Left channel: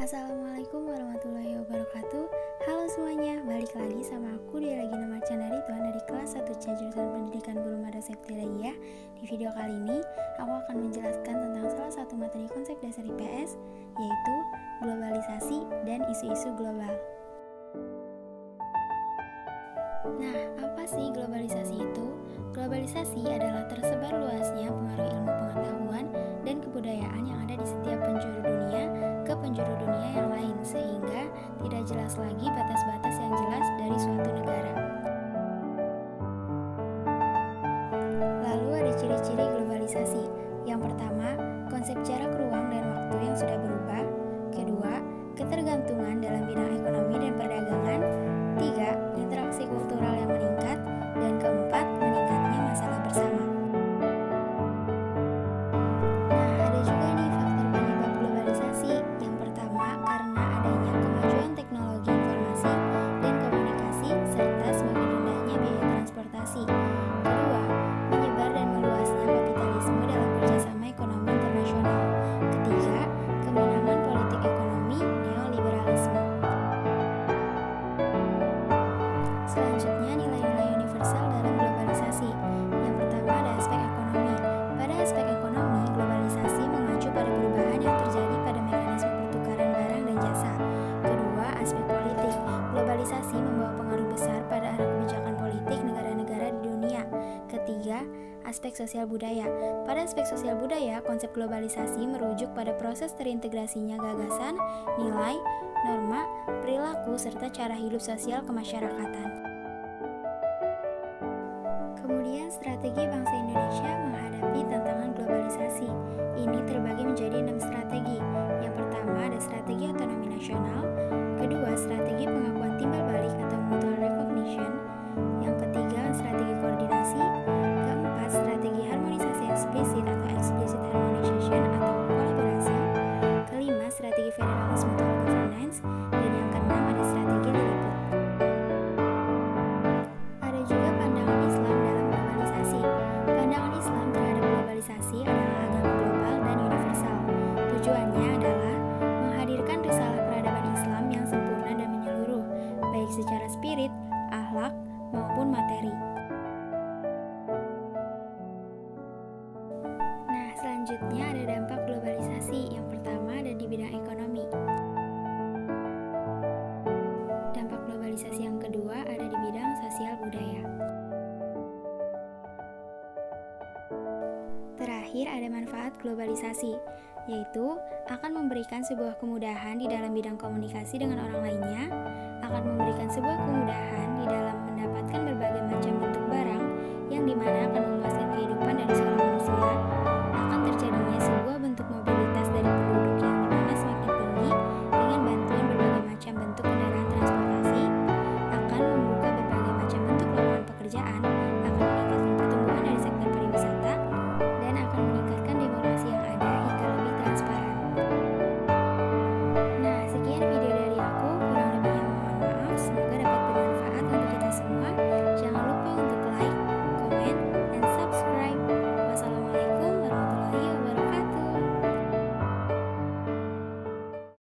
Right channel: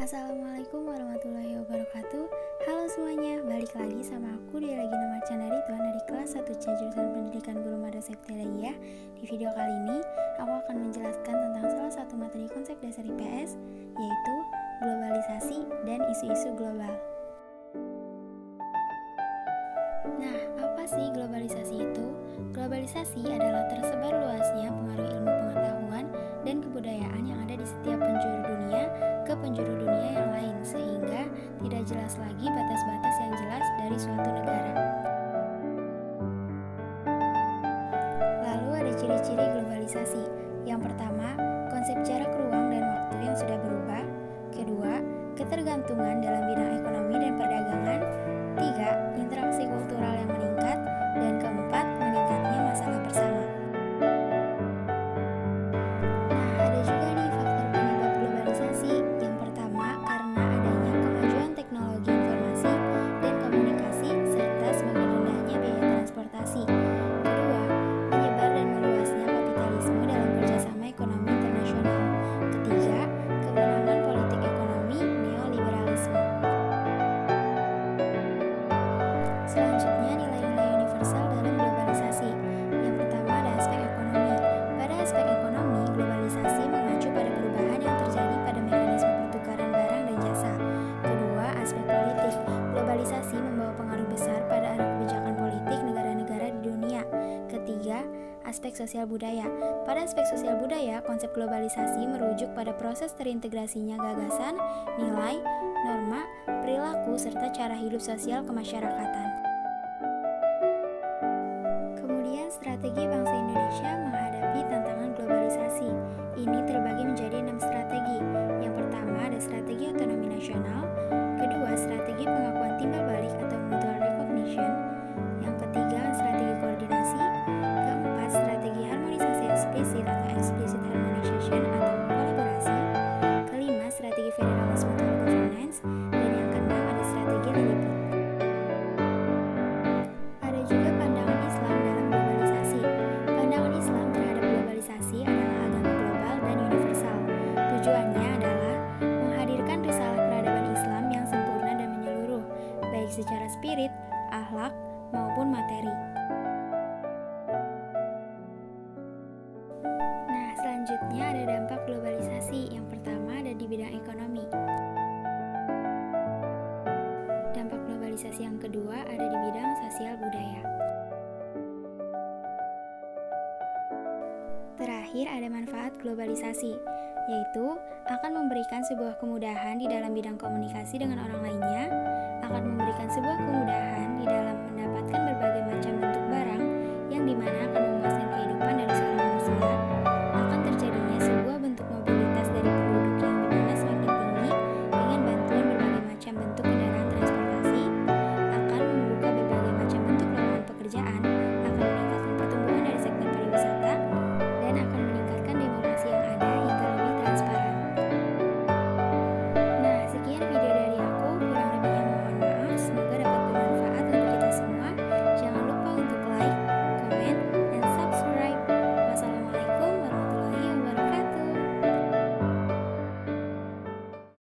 Assalamualaikum warahmatullahi wabarakatuh. Halo semuanya, balik lagi sama aku Dia Lagi Nomor Candari Tuhan dari kelas 1C jurusan Pendidikan Guru Madrasah Ibtidaiyah. Di video kali ini, aku akan menjelaskan tentang salah satu materi konsep dasar IPS, yaitu globalisasi dan isu-isu global. Nah, apa sih globalisasi itu? Globalisasi adalah tersebar luasnya pengaruh ilmu pengetahuan dan kebudayaan yang ada di setiap penjuru dunia ke penjuru dunia yang lain, sehingga tidak jelas lagi batas-batas yang jelas dari suatu negara. Lalu ada ciri-ciri globalisasi. Yang pertama, konsep jarak ruang dan waktu yang sudah berubah. Kedua, ketergantungan dalam bidang ekonomi dan perdagangan. Tiga, interaksi kultural yang meningkat. Dan keempat, meningkatnya masalah bersama. Nah, ada juga nih faktor penyebab globalisasi. Yang pertama, karena adanya kemajuan teknologi informasi dan komunikasi serta semakin rendahnya biaya transportasi. Kedua, menyebar dan meluasnya kapitalisme dalam kerjasama ekonomi internasional. Ketiga, kemenangan politik ekonomi neoliberalisme. Selanjutnya, nilai-nilai universal dalam globalisasi. Yang pertama ada aspek ekonomi. Pada aspek ekonomi, globalisasi mengacu pada perubahan yang terjadi pada mekanisme pertukaran barang dan jasa. Kedua, aspek politik. Globalisasi membawa pengaruh besar pada arah kebijakan politik negara-negara di dunia. Ketiga, aspek sosial budaya. Pada aspek sosial budaya, konsep globalisasi merujuk pada proses terintegrasinya gagasan, nilai, norma, perilaku, serta cara hidup sosial kemasyarakatan. Kemudian, strategi bangsa Indonesia menghadapi tantangan globalisasi. Ini terbagi menjadi 6 strategi. Yang pertama ada strategi otonomi nasional. Kedua, strategi pengakuan timbal balik atau mutual recognition. Yang ketiga, strategi koordinasi. Keempat, strategi harmonisasi eksplisit atau explicit harmonization atau kolaborasi. Kelima, strategi federalisme atau governance. Dan yang keenam ada strategi Lilliput. Ada juga pandangan Islam dalam globalisasi. Pandangan Islam terhadap globalisasi adalah agama global dan universal. Tujuannya adalah menghadirkan risalah peradaban Islam yang sempurna dan menyeluruh, baik secara spirit, akhlak, maupun materi. Nah, selanjutnya ada dampak globalisasi. Yang pertama ada di bidang ekonomi. Dampak globalisasi yang kedua ada di bidang sosial budaya. Terakhir ada manfaat globalisasi, yaitu akan memberikan sebuah kemudahan di dalam bidang komunikasi dengan orang lainnya, akan memberikan sebuah kemudahan di dalam mendapatkan berbagai macam bentuk barang yang dimana akan memuaskan kehidupan dari seorang manusia, akan terjadinya sebuah bentuk mobilitas dari penduduk yang dimana semakin tinggi dengan bantuan berbagai macam bentuk kendaraan transportasi, akan membuka berbagai macam bentuk lowongan pekerjaan, akan meningkatkan